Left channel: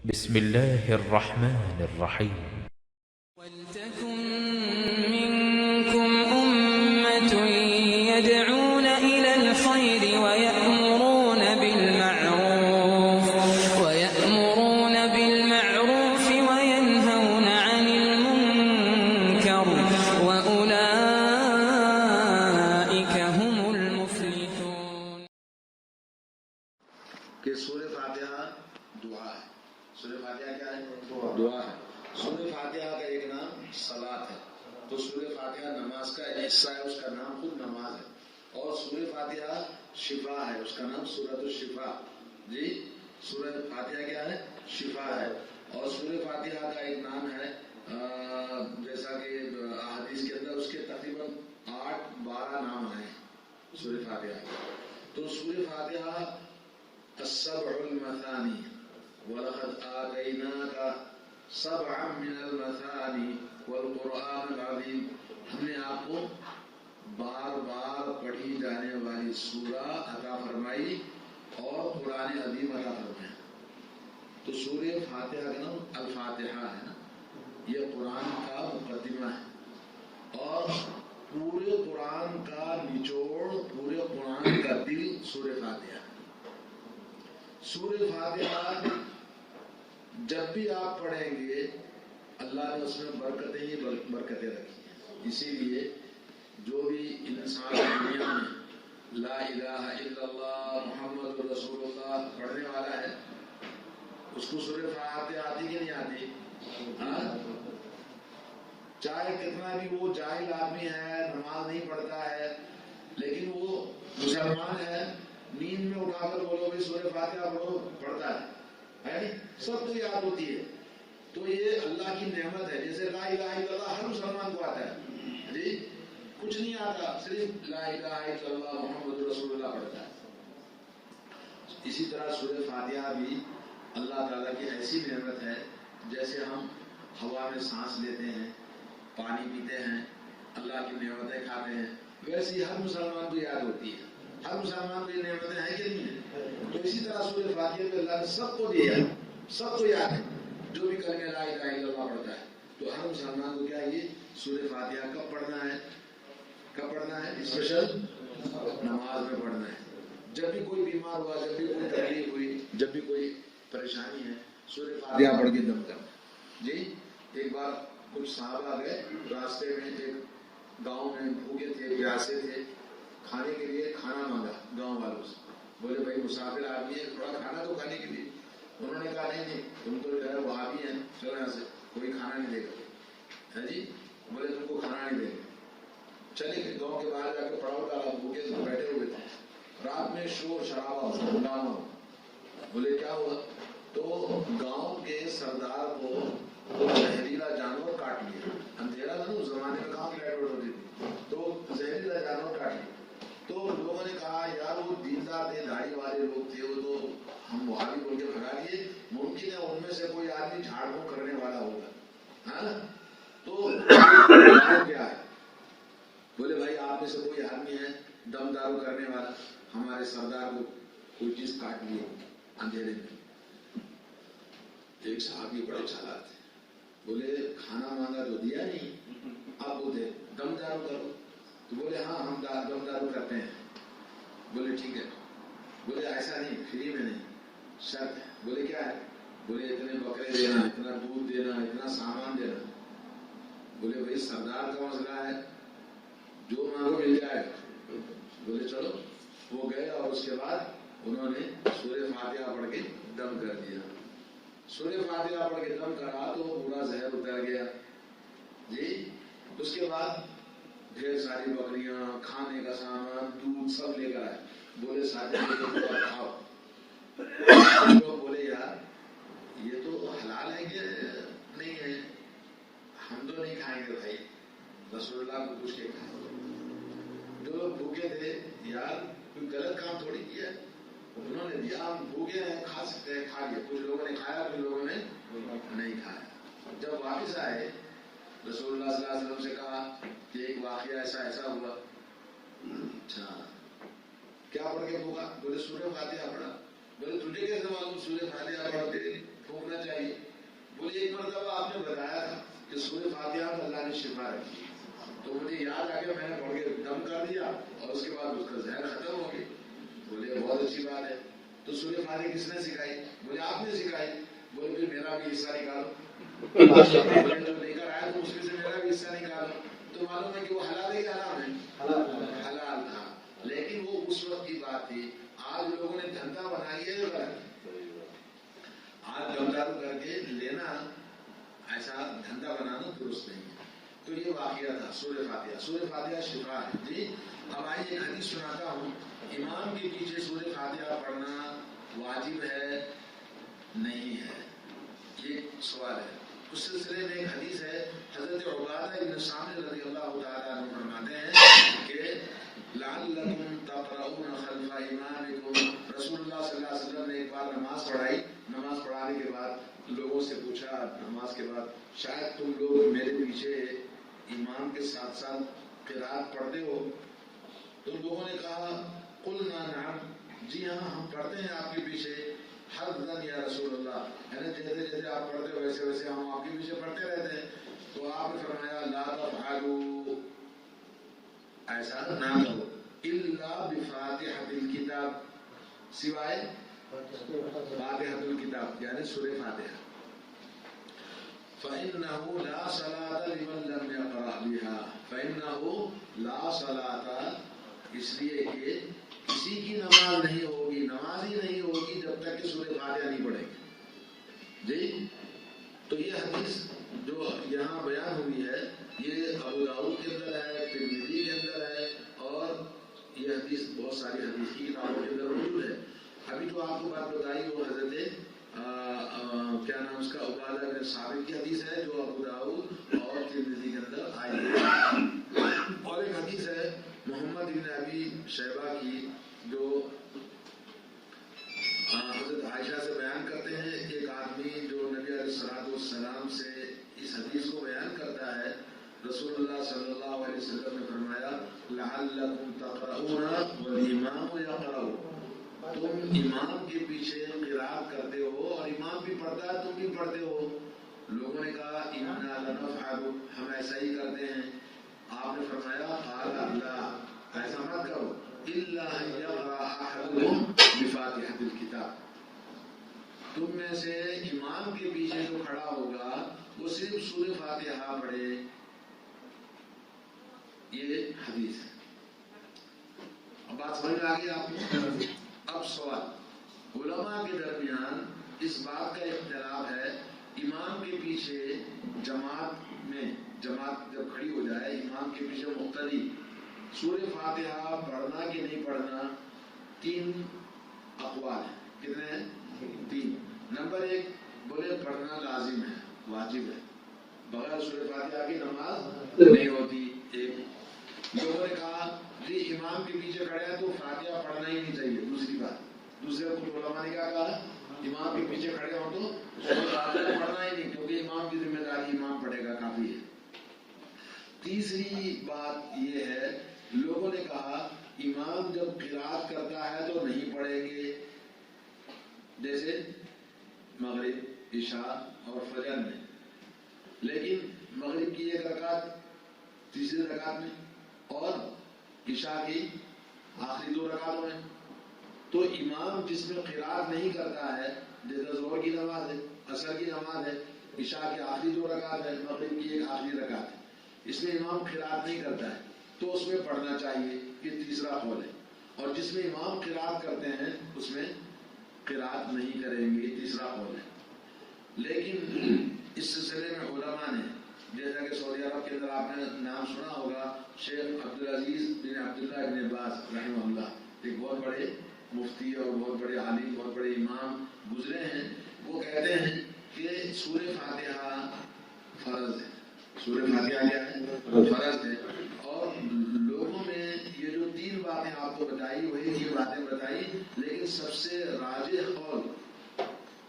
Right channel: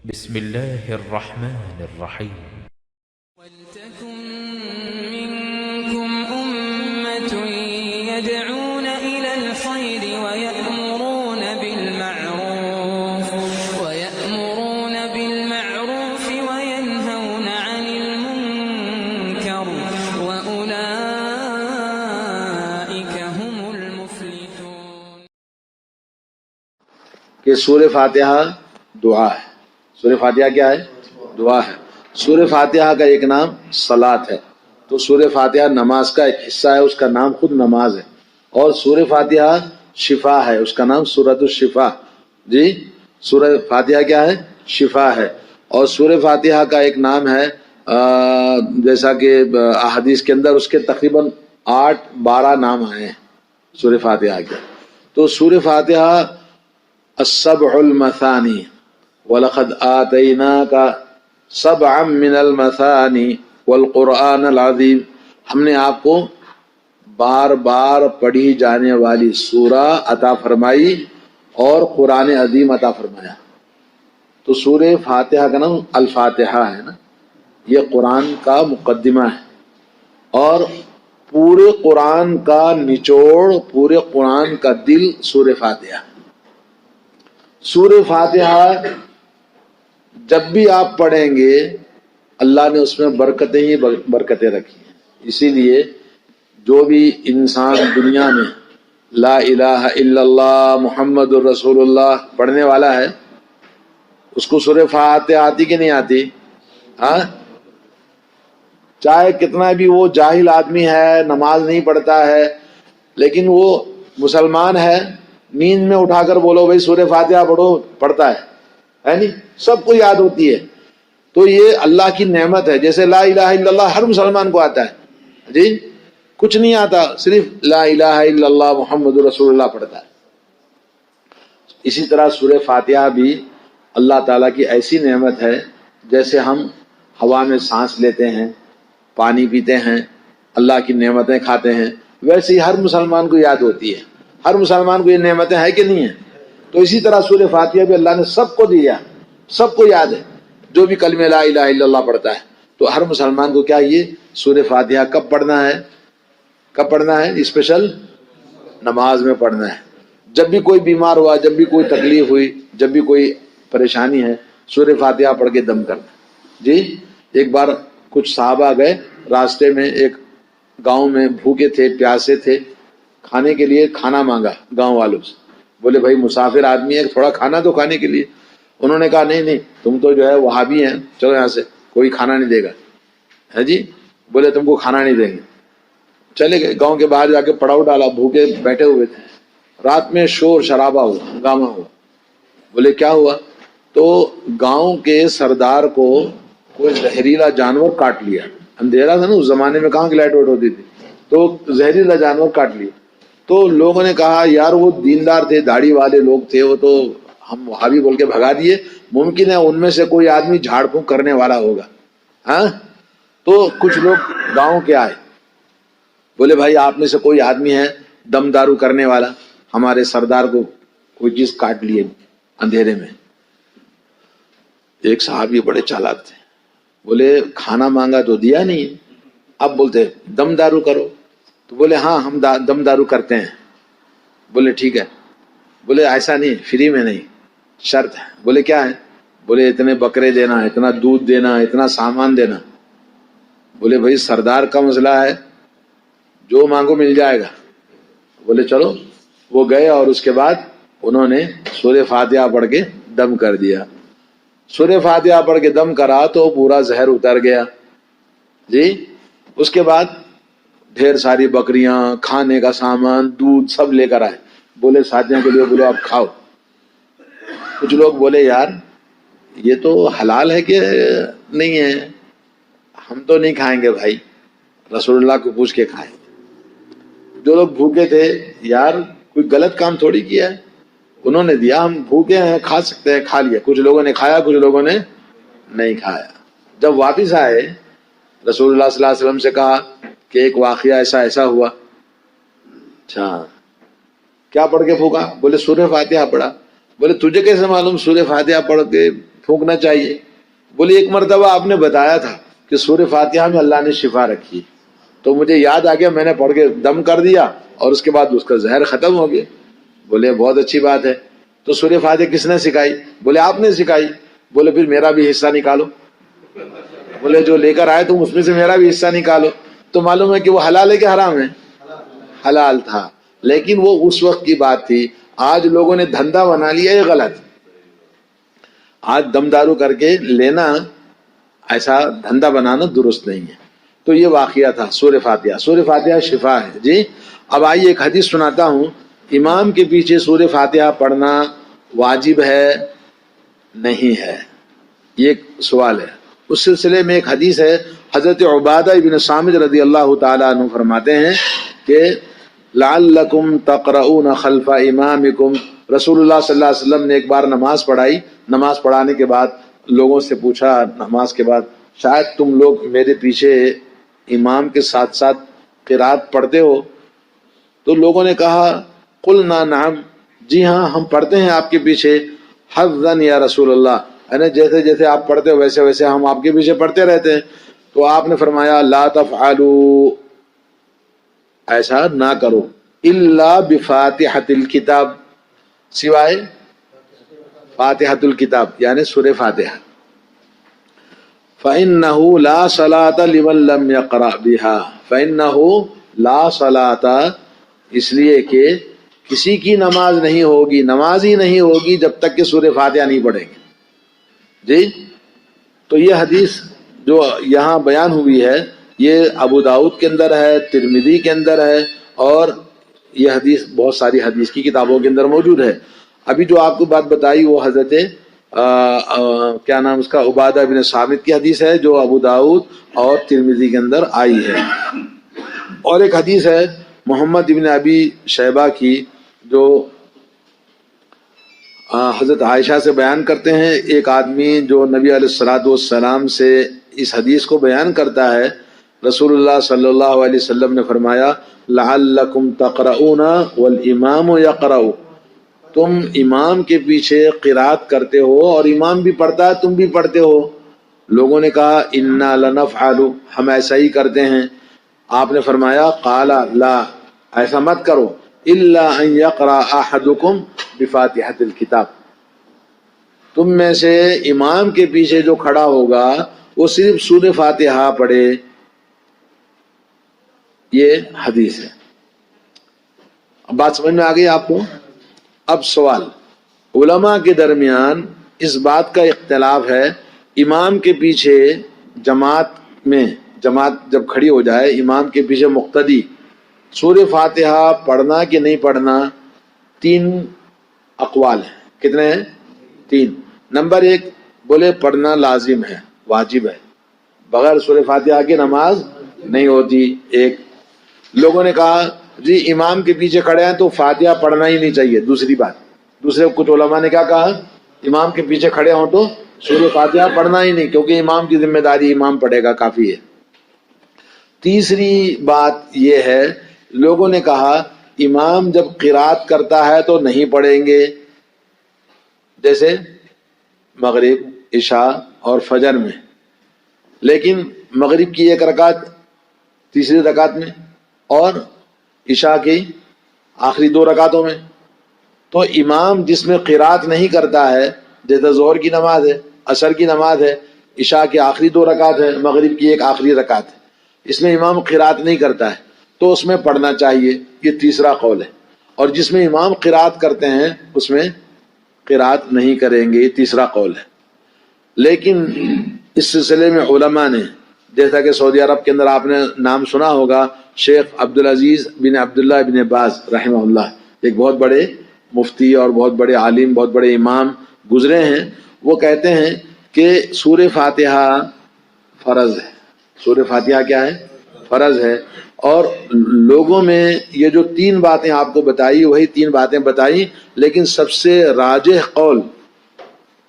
بسم الله الرحمن الرحيم. ولتكن منكم أمة يدعون إلى الخير ويأمرون بالمعروف وينهون عن المنكر وأولئك هم المفلحون. کہ سورہ فاتحہ دعا ہے. سورہ فاتحہ کیا ہے؟ دعا ہے. سورہ فاتحہ کا ایک نام صلاۃ ہے. تو سورہ فاتحہ نماز کا ایک حصہ ہے، اس کا نام خود نماز ہے. اور سورہ فاتحہ شفا ہے، اس کا نام سورۃ الشفا. جی، سورہ فاتحہ کیا ہے؟ شفا ہے. اور سورہ فاتحہ کا ایک نام ہے جیسا کہ احادیث کے اندر اس کے تقریباً 8-12 نام آئے ہیں سورہ فاتحہ کے. تو سورہ فاتحہ السبع المثانی وَلَقَدْ آتَيْنَاكَ سَبْعًا مِّنَ الْمَثَانِي وَالْقُرْآنَ الْعَظِيمِ، ہم نے آپ کو بار بار پڑھی جانے والی سورہ عطا فرمائی اور قرآن عظیم عطا فرمایا. تو سورہ فاتحہ کا نام الفاتحہ ہے نا، یہ قرآن کا مقدمہ ہے. اور پورے قرآن کا نچوڑ، پورے قرآن کا دل سورہ فاتحہ. سورہ فاتحہ جب بھی آپ پڑھیں گے اللہ نے اس میں برکتیں ہی برکتیں رکھی ہیں. اسی لیے جو بھی انسان دنیا میں لا الہ الا اللہ محمد الرسول اللہ پڑھنے والا ہے، اس کو سورہ فاتحہ آتی کہ نہیں آتی؟ ہاں، چاہے کتنا بھی وہ جاہل آدمی ہے، نماز نہیں پڑھتا ہے، لیکن وہ مسلمان ہے، نیند میں اٹھا کر بولو بھائی سورہ فاتحہ پڑھو، پڑھتا ہے نہیں؟ سب کو یاد ہوتی ہے. تو یہ اللہ کی نعمت ہے. جیسے لا الہ الا اللہ ہر مسلمان کو آتا ہے، جی کچھ نہیں آتا، صرف لا الہ الا اللہ محمد رسول اللہ پڑھتا ہے. اسی طرح سورہ فاتحہ بھی اللہ تعالیٰ کی ایسی نعمت ہے، جیسے ہم ہوا میں سانس لیتے ہیں، پانی پیتے ہیں، اللہ کی نعمتیں کھاتے ہیں، ویسے ہی ہر مسلمان کو یاد ہوتی ہے. ہر مسلمان کو یہ نعمتیں ہیں کہ نہیں ہیں؟ تو اسی طرح سورہ فاتحہ بھی اللہ نے سب کو دیا، سب کو یاد ہے. جو بھی کلمہ لا الہ الا اللہ پڑھتا ہے تو ہر مسلمان کو کیا یہ سورہ فاتحہ کب پڑھنا ہے؟ کب پڑھنا ہے؟ اسپیشل نماز میں پڑھنا ہے. جب بھی کوئی بیمار ہوا، جب بھی کوئی تکلیف ہوئی، جب بھی کوئی پریشانی ہے، سورہ فاتحہ پڑھ کے دم کرنا. جی، ایک بار کچھ صحابہ گئے، راستے میں ایک گاؤں میں بھوکے تھے، پیاسے تھے، کھانے کے لیے کھانا مانگا گاؤں والوں سے. بولے بھائی مسافر آدمی ہے، تھوڑا کھانا تو کھانے کے لیے. انہوں نے کہا نہیں تم تو جو ہے وہابی ہیں، چلو یہاں سے، کوئی کھانا نہیں دے گا. ہے جی، بولے تم کو کھانا نہیں دیں گے. چلے گئے، گاؤں کے باہر جا کے پڑاؤ ڈالا، بھوکے بیٹھے ہوئے تھے. رات میں شور شرابہ ہوا، ہنگامہ ہوا. بولے کیا ہوا؟ تو گاؤں کے سردار کو کوئی زہریلا جانور کاٹ لیا. اندھیرا تھا نا اس زمانے میں، کہاں کی لائٹ وائٹ ہوتی تھی، تو زہریلا جانور کاٹ لیا. تو لوگوں نے کہا یار وہ دیندار تھے، داڑھی والے لوگ تھے، وہ تو ہم وہابی بول کے بھگا دیے، ممکن ہے ان میں سے کوئی آدمی جھاڑ پھونک کرنے والا ہوگا. ہاں، تو کچھ لوگ گاؤں کے آئے، بولے بھائی آپ میں سے کوئی آدمی ہے دم دارو کرنے والا، ہمارے سردار کو کوئی چیز کاٹ لیے اندھیرے میں. ایک صحابی بڑے چالاک تھے، بولے کھانا مانگا تو دیا نہیں، اب بولتے دم دارو کرو. تو بولے ہاں ہم دم دارو کرتے ہیں. بولے ٹھیک ہے. بولے ایسا نہیں، فری میں نہیں، شرط ہے. بولے کیا ہے؟ بولے اتنے بکرے دینا، اتنا دودھ دینا، اتنا سامان دینا. بولے بھائی سردار کا مسئلہ ہے، جو مانگو مل جائے گا. بولے چلو. وہ گئے اور اس کے بعد انہوں نے سورہ فاتحہ پڑھ کے دم کر دیا. سورہ فاتحہ پڑھ کے دم کرا تو پورا زہر اتر گیا. جی، اس کے بعد ڈھیر ساری بکریاں، کھانے کا سامان، دودھ سب لے کر آئے. بولے ساتھیوں کے لیے، بولے آپ کھاؤ. کچھ لوگ بولے یار یہ تو حلال ہے کہ نہیں ہے؟ ہم تو نہیں کھائیں گے بھائی، رسول اللہ کو پوچھ کے کھائیں. جو لوگ بھوکے تھے، یار کوئی غلط کام تھوڑی کیا ہے، انہوں نے دیا، ہم بھوکے ہیں کھا سکتے ہیں، کھا لیا. کچھ لوگوں نے کھایا، کچھ لوگوں نے نہیں کھایا. جب واپس آئے رسول اللہ صلی اللہ علیہ وسلم سے کہا کہ ایک واقعہ ایسا ہوا. اچھا کیا پڑھ کے پھونکا؟ بولے سورہ فاتحہ پڑھا. بولے تجھے کیسے معلوم سورہ فاتحہ پڑھ کے تھوکنا چاہیے. بولے ایک مرتبہ آپ نے بتایا تھا کہ سورہ فاتحہ میں اللہ نے شفا رکھی, تو مجھے یاد آ گیا, میں نے پڑھ کے دم کر دیا اور اس کے بعد اس کا زہر ختم ہو گیا. بولے بہت اچھی بات ہے. تو سورہ فاتحہ کس نے سکھائی؟ بولے آپ نے سکھائی. بولے پھر میرا بھی حصہ نکالو. بولے جو لے کر آئے تم اس میں سے میرا بھی حصہ نکالو. تو معلوم ہے کہ وہ حلال ہے کہ حرام ہے؟ حلال تھا, لیکن وہ اس وقت کی بات تھی. آج لوگوں نے دھندا بنا لیا, یہ غلط. آج دم دارو کر کے لینا, ایسا دھندا بنانا درست نہیں ہے. تو یہ واقعہ تھا سورہ فاتحہ. سورہ فاتحہ شفا ہے جی. اب آئیے ایک حدیث سناتا ہوں. امام کے پیچھے سورہ فاتحہ پڑھنا واجب ہے نہیں ہے؟ یہ ایک سوال ہے. اس سلسلے میں ایک حدیث ہے, حضرت عبادہ ابن صامت رضی اللہ تعالیٰ عنہ فرماتے ہیں کہ لعلکم تقرؤون خلف امامکم. رسول اللہ صلی اللہ علیہ وسلم نے ایک بار نماز پڑھائی. نماز پڑھانے کے بعد لوگوں سے پوچھا نماز کے بعد, شاید تم لوگ میرے پیچھے امام کے ساتھ ساتھ قرات پڑھتے ہو؟ تو لوگوں نے کہا قلنا نعم, جی ہاں ہم پڑھتے ہیں آپ کے پیچھے. حظاً یا رسول اللہ, یعنی جیسے جیسے آپ پڑھتے ہو ویسے ویسے ہم آپ کے پیچھے پڑھتے رہتے ہیں. تو آپ نے فرمایا لا تفعلوا, ایسا نہ کرو, الا بفاتحۃ الکتاب, سوائے فاتحۃ الکتاب یعنی سورہ فاتحہ. فإنه لا صلاة لمن لم يقرأ بها. فإنه لا صلاة, اس لیے کہ کسی کی نماز نہیں ہوگی, نماز ہی نہیں ہوگی جب تک کہ سورہ فاتحہ نہیں پڑھیں گے جی. تو یہ حدیث جو یہاں بیان ہوئی ہے یہ ابو داؤد کے اندر ہے, ترمذی کے اندر ہے, اور یہ حدیث بہت ساری حدیث کی کتابوں کے اندر موجود ہے. ابھی جو آپ کو بات بتائی وہ حضرت کیا نام اس کا, عبادہ بن صامت کی حدیث ہے جو ابو داؤد اور ترمذی کے اندر آئی ہے. اور ایک حدیث ہے محمد ابن ابی شیبہ کی جو حضرت عائشہ سے بیان کرتے ہیں. ایک آدمی جو نبی علیہ الصلوۃ والسلام سے اس حدیث کو بیان کرتا ہے, رسول اللہ صلی اللہ علیہ وسلم نے فرمایا لعلکم تقرؤون والامام یقرؤ, تم امام کے پیچھے قرات کرتے ہو اور امام بھی پڑھتا ہے تم بھی پڑھتے ہو. لوگوں نے کہا انا لنفعل, ہم ایسا ہی کرتے ہیں. آپ نے فرمایا قال لا, ایسا مت کرو, الا ان یقرأ احدکم بفاتحۃ الکتاب, تم میں سے امام کے پیچھے جو کھڑا ہوگا وہ صرف سورہ فاتحہ پڑھے. یہ حدیث ہے. اب بات سمجھ میں آ گئی آپ کو؟ اب سوال, علماء کے درمیان اس بات کا اختلاف ہے, امام کے پیچھے جماعت جب کھڑی ہو جائے امام کے پیچھے مقتدی, سورہ فاتحہ پڑھنا کہ نہیں پڑھنا. 3 اقوال ہیں. کتنے ہیں؟ 3. نمبر 1 بولے پڑھنا لازم ہے, واجب ہے, بغیر سورہ فاتحہ کی نماز نہیں ہوتی. ایک لوگوں نے کہا جی امام کے پیچھے کھڑے ہیں تو فاتحہ پڑھنا ہی نہیں چاہیے. دوسری بات, دوسرے کچھ علماء نے کیا کہا, امام کے پیچھے کھڑے ہوں تو سورہ فاتحہ پڑھنا ہی نہیں, کیونکہ امام کی ذمہ داری امام پڑھے گا, کافی ہے. تیسری بات یہ ہے, لوگوں نے کہا امام جب قرات کرتا ہے تو نہیں پڑھیں گے, جیسے مغرب عشاء اور فجر میں, لیکن مغرب کی 1 رکعت تیسری رکعت میں اور عشاء کی آخری 2 رکعتوں میں, تو امام جس میں قرات نہیں کرتا ہے, جیسے ظہر کی نماز ہے, عصر کی نماز ہے, عشاء کی آخری 2 رکعت ہے, مغرب کی 1 آخری رکعت ہے, اس میں امام قرات نہیں کرتا ہے تو اس میں پڑھنا چاہیے. یہ تیسرا قول ہے. اور جس میں امام قرات کرتے ہیں اس میں قرات نہیں کریں گے, یہ تیسرا قول ہے. لیکن اس سلسلے میں علماء نے, جیسا کہ سعودی عرب کے اندر آپ نے نام سنا ہوگا, شیخ عبدالعزیز بن عبداللہ بن باز رحمہ اللہ, ایک بہت بڑے مفتی اور بہت بڑے عالم, بہت بڑے امام گزرے ہیں. وہ کہتے ہیں کہ سورہ فاتحہ فرض ہے. سورہ فاتحہ کیا ہے؟ فرض ہے. اور لوگوں میں یہ جو 3 باتیں آپ کو بتائی وہی 3 باتیں بتائی, لیکن سب سے راجح قول,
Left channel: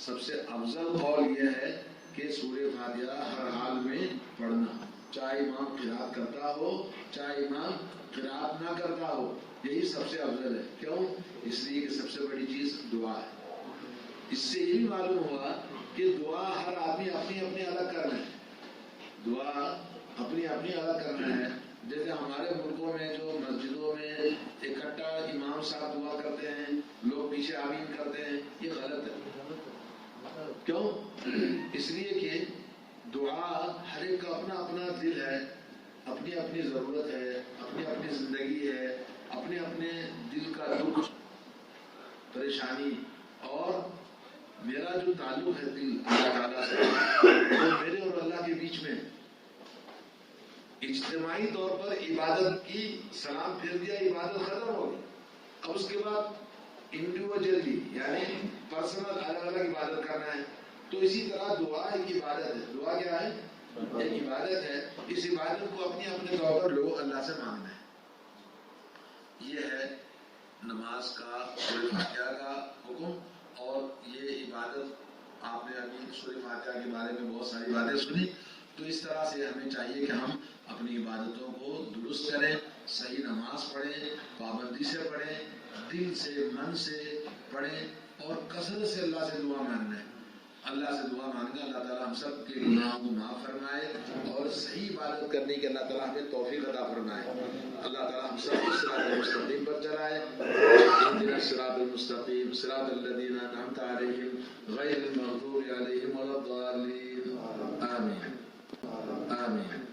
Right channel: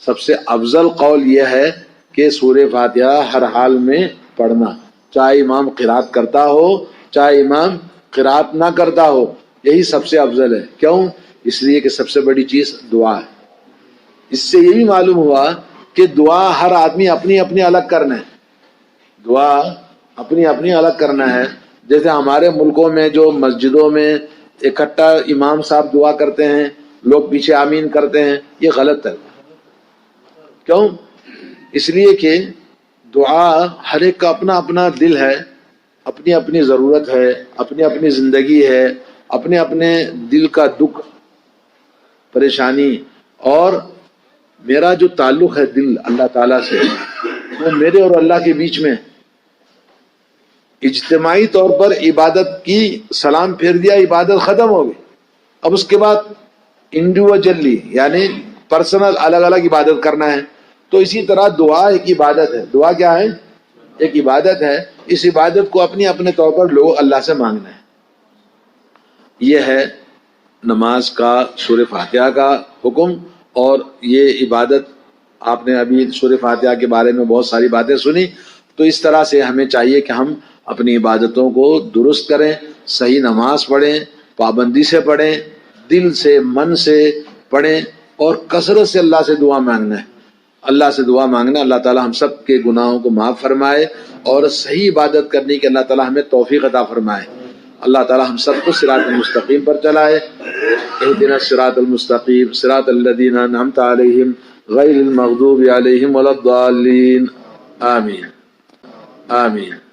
سب سے افضل قول یہ ہے کہ سورہ فاتحہ ہر حال میں پڑھنا, چاہے امام قرات کرتا ہو چاہے امام قرات نہ کرتا ہو, یہی سب سے افضل ہے. کیوں؟ اس لیے کہ سب سے بڑی چیز دعا ہے. اس سے یہ بھی معلوم ہوا کہ دعا ہر آدمی اپنی اپنی الگ کرنا ہے، دعا اپنی اپنی الگ کرنا ہے. جیسے ہمارے ملکوں میں جو مسجدوں میں اکٹھا امام صاحب دعا کرتے ہیں، لوگ پیچھے آمین کرتے ہیں، یہ غلط ہے. کیوں؟ اس لیے کہ دعا ہر ایک کا اپنا اپنا دل ہے، اپنی اپنی ضرورت ہے، اپنی اپنی زندگی ہے، اپنے اپنے دل کا دکھ پریشانی. اور میرا جو تعلق ہے دل اللہ تعالیٰ سے، وہ میرے اور اللہ کے بیچ میں اجتماعی طور پر عبادت کی سلام پھیر دیا، عبادت ختم ہو گئی. اب اس کے بعد انڈیویجلی یعنی پرسنل الگ الگ عبادت کرنا ہے. تو اسی طرح دعا ایک عبادت ہے. دعا کیا ہے؟ ایک عبادت ہے. اس عبادت کو اپنے اپنے طور پر لوگ اللہ سے مانگنا ہے. یہ ہے نماز کا سورہ فاتحہ کا حکم. اور یہ عبادت آپ نے ابھی سورہ فاتحہ کے بارے میں بہت ساری باتیں سنی. تو اس طرح سے ہمیں چاہیے کہ ہم اپنی عبادتوں کو درست کریں، صحیح نماز پڑھیں، پابندی سے پڑھیں، دل سے من سے پڑھیں، اور کثرت سے اللہ سے دعا مانگنا ہے. اللہ سے دعا مانگنا اللہ تعالی ہم سب کے گناہوں کو معاف فرمائے اور صحیح عبادت کرنے کی اللہ تعالی ہمیں توفیق عطا فرمائے. اللہ تعالی ہم سب کو صراط المستقیم پر چلائے. اہدنا الصراط المستقیم صراط الذین انعمت علیہم غیر المغضوب علیہم ولا الضالین. آمین آمین.